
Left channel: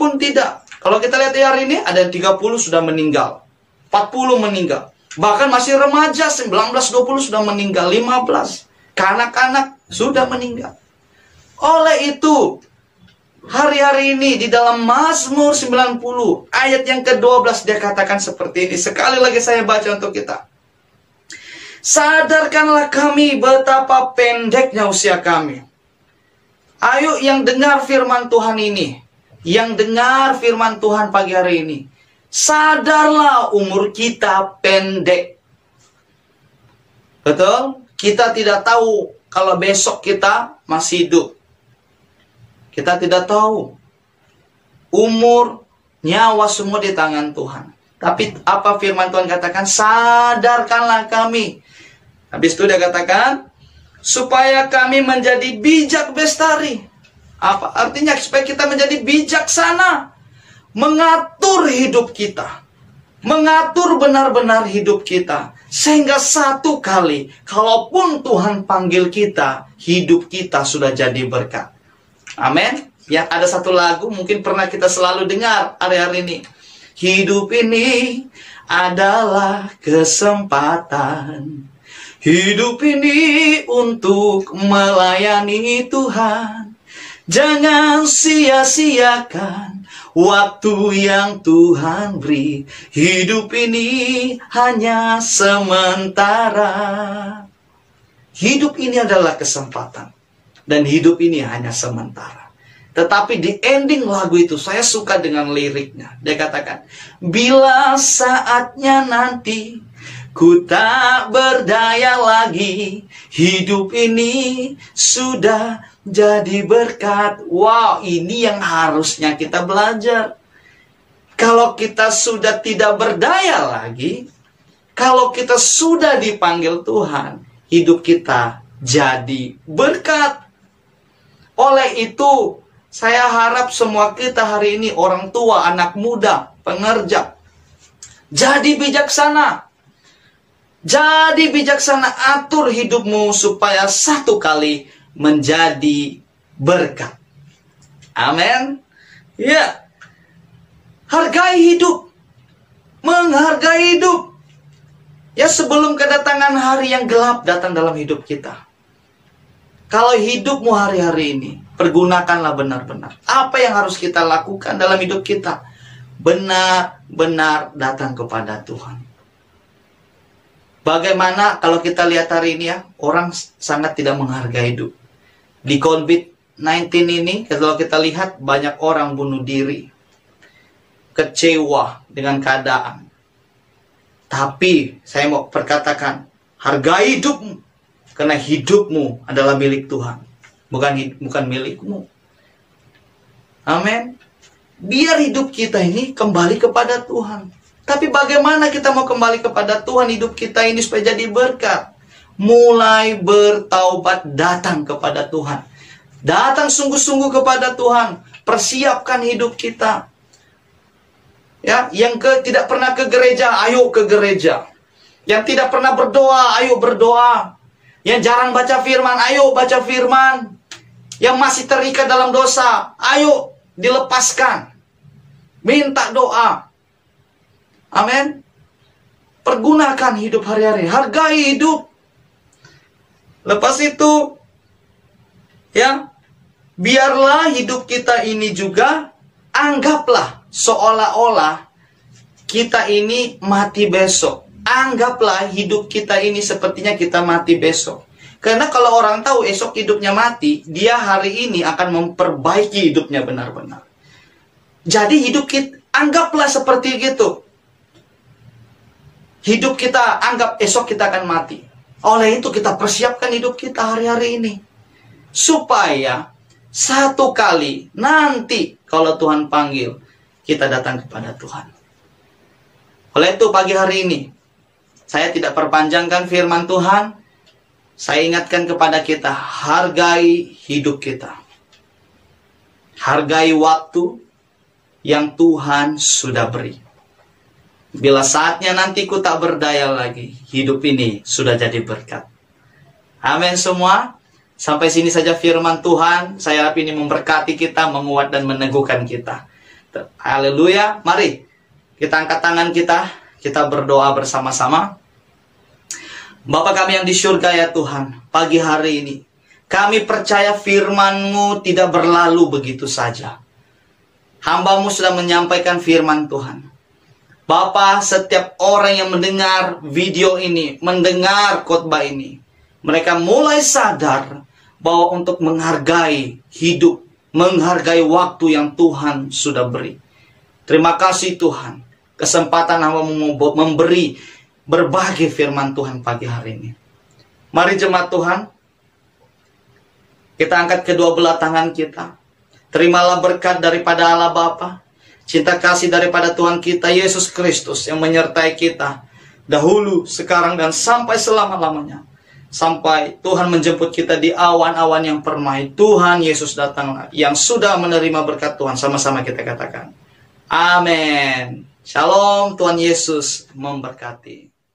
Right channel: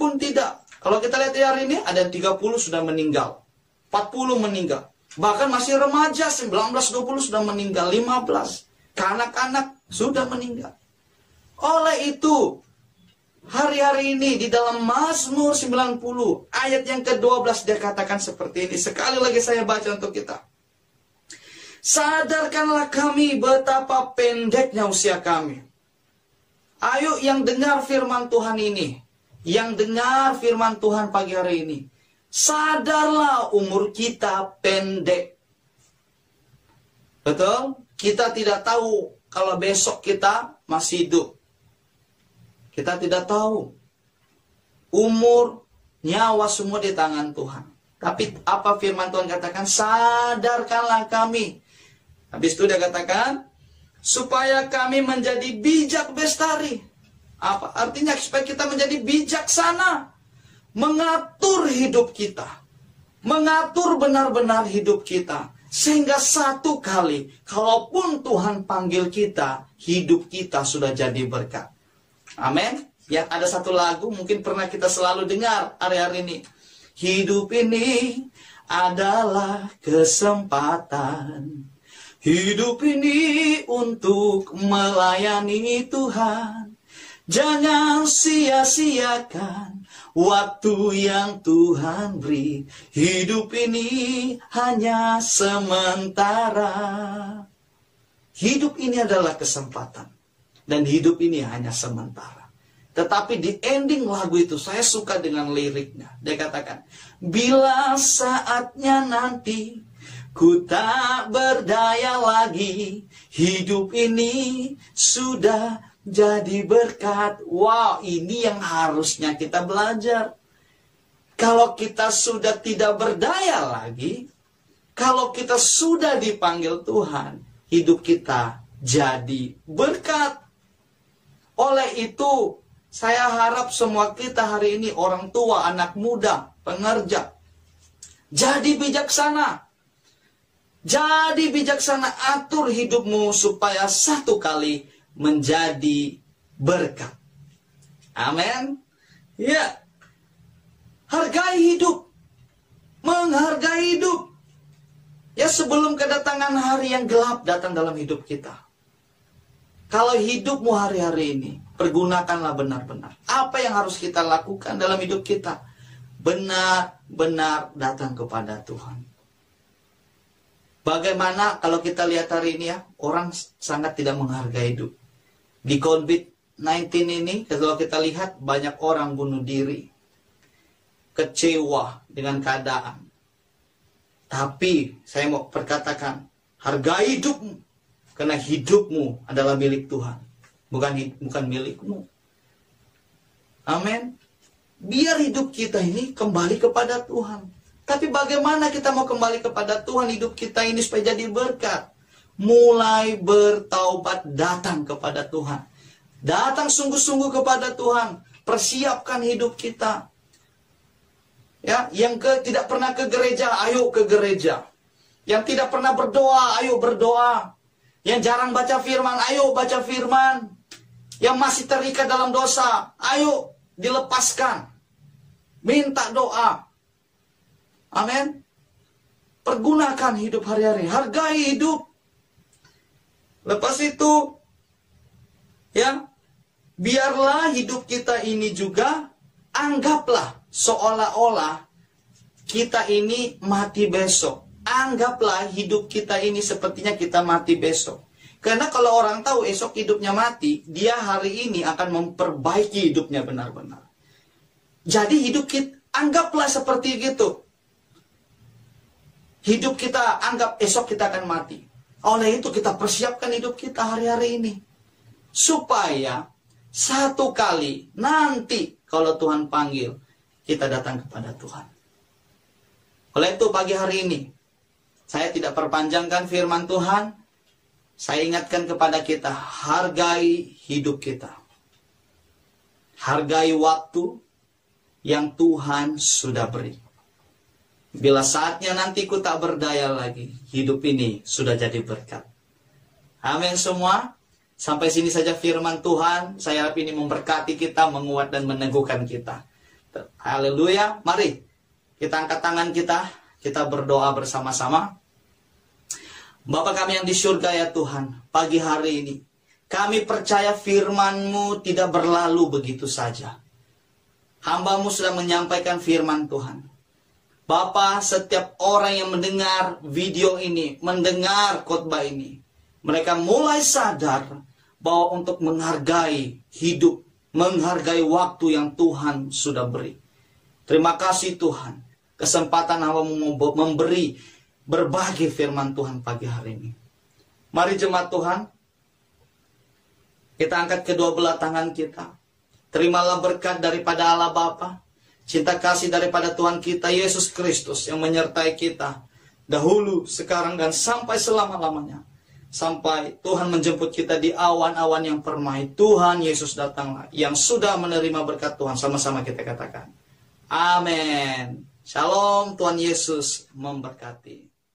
pun tidak. Kalau kita lihat di hari ini, ada yang 30 sudah meninggal. 40 meninggal. Bahkan masih remaja, 19-20 sudah meninggal. 15. Kanak-kanak sudah meninggal. Oleh itu, hari-hari ini di dalam Mazmur 90 ayat yang ke-12 dia katakan seperti ini. Sekali lagi saya baca untuk kita. Sadarkanlah kami betapa pendeknya usia kami. Ayo yang dengar firman Tuhan ini, yang dengar firman Tuhan pagi hari ini, sadarlah umur kita pendek. Betul? Kita tidak tahu kalau besok kita masih hidup. Kita tidak tahu. Umur, nyawa semua di tangan Tuhan. Tapi apa firman Tuhan katakan? Sadarkanlah kami. Habis itu dia katakan, supaya kami menjadi bijak bestari. Apa artinya? Supaya kita menjadi bijaksana. Mengatur hidup kita. Mengatur benar-benar hidup kita. Sehingga satu kali, kalaupun Tuhan panggil kita, hidup kita sudah jadi berkat. Amin. Ya, ada satu lagu mungkin pernah kita selalu dengar hari-hari ini. Hidup ini adalah kesempatan. Hidup ini untuk melayani Tuhan. Jangan sia-siakan waktu yang Tuhan beri. Hidup ini hanya sementara. Hidup ini adalah kesempatan. Dan hidup ini hanya sementara. Tetapi di ending lagu itu saya suka dengan liriknya. Dia katakan, bila saatnya nanti ku tak berdaya lagi, hidup ini sudah jadi berkat. Wow, ini yang harusnya kita belajar. Kalau kita sudah tidak berdaya lagi, kalau kita sudah dipanggil Tuhan, hidup kita jadi berkat. Oleh itu, saya harap semua kita hari ini, orang tua, anak muda, pengerja, jadi bijaksana. Jadi bijaksana, atur hidupmu supaya satu kali menjadi berkat. Amin. Ya. Hargai hidup. Menghargai hidup. Ya, sebelum kedatangan hari yang gelap datang dalam hidup kita. Kalau hidupmu hari-hari ini, pergunakanlah benar-benar. Apa yang harus kita lakukan dalam hidup kita? Benar-benar datang kepada Tuhan. Bagaimana kalau kita lihat hari ini ya, orang sangat tidak menghargai hidup. Di COVID-19 ini, kalau kita lihat banyak orang bunuh diri. Kecewa dengan keadaan. Tapi saya mau perkatakan, hargai hidupmu. Karena hidupmu adalah milik Tuhan. Bukan milikmu. Amin. Biar hidup kita ini kembali kepada Tuhan. Tapi bagaimana kita mau kembali kepada Tuhan, hidup kita ini supaya jadi berkat? Mulai bertaubat, datang kepada Tuhan. Datang sungguh-sungguh kepada Tuhan. Persiapkan hidup kita. Ya, yang tidak pernah ke gereja, ayo ke gereja. Yang tidak pernah berdoa, ayo berdoa. Yang jarang baca firman, ayo baca firman. Yang masih terikat dalam dosa, ayo dilepaskan. Minta doa. Amin. Pergunakan hidup hari-hari. Hargai hidup. Lepas itu, ya, biarlah hidup kita ini juga, anggaplah seolah-olah kita ini mati besok. Anggaplah hidup kita ini sepertinya kita mati besok. Karena kalau orang tahu esok hidupnya mati, dia hari ini akan memperbaiki hidupnya benar-benar. Jadi hidup kita, anggaplah seperti gitu. Hidup kita, anggap esok kita akan mati. Oleh itu kita persiapkan hidup kita hari-hari ini. Supaya satu kali nanti kalau Tuhan panggil, kita datang kepada Tuhan. Oleh itu pagi hari ini, saya tidak perpanjangkan firman Tuhan. Saya ingatkan kepada kita, hargai hidup kita. Hargai waktu yang Tuhan sudah beri. Bila saatnya nanti ku tak berdaya lagi, hidup ini sudah jadi berkat. Amin semua. Sampai sini saja firman Tuhan. Saya harap ini memberkati kita, menguat dan meneguhkan kita. Haleluya. Mari kita angkat tangan kita berdoa bersama-sama. Bapa kami yang di surga ya Tuhan, pagi hari ini kami percaya firman-Mu tidak berlalu begitu saja. Hamba-Mu sudah menyampaikan firman Tuhan. Bapa, setiap orang yang mendengar video ini, mendengar khotbah ini, mereka mulai sadar bahwa untuk menghargai hidup, menghargai waktu yang Tuhan sudah beri. Terima kasih Tuhan, kesempatan hamba memberi berbagi firman Tuhan pagi hari ini. Mari jemaat Tuhan, kita angkat kedua belah tangan kita. Terimalah berkat daripada Allah Bapa, cinta kasih daripada Tuhan kita Yesus Kristus yang menyertai kita dahulu, sekarang, dan sampai selama-lamanya. Sampai Tuhan menjemput kita di awan-awan yang permai. Tuhan Yesus datang yang sudah menerima berkat Tuhan. Sama-sama kita katakan, amin. Shalom, Tuhan Yesus memberkati.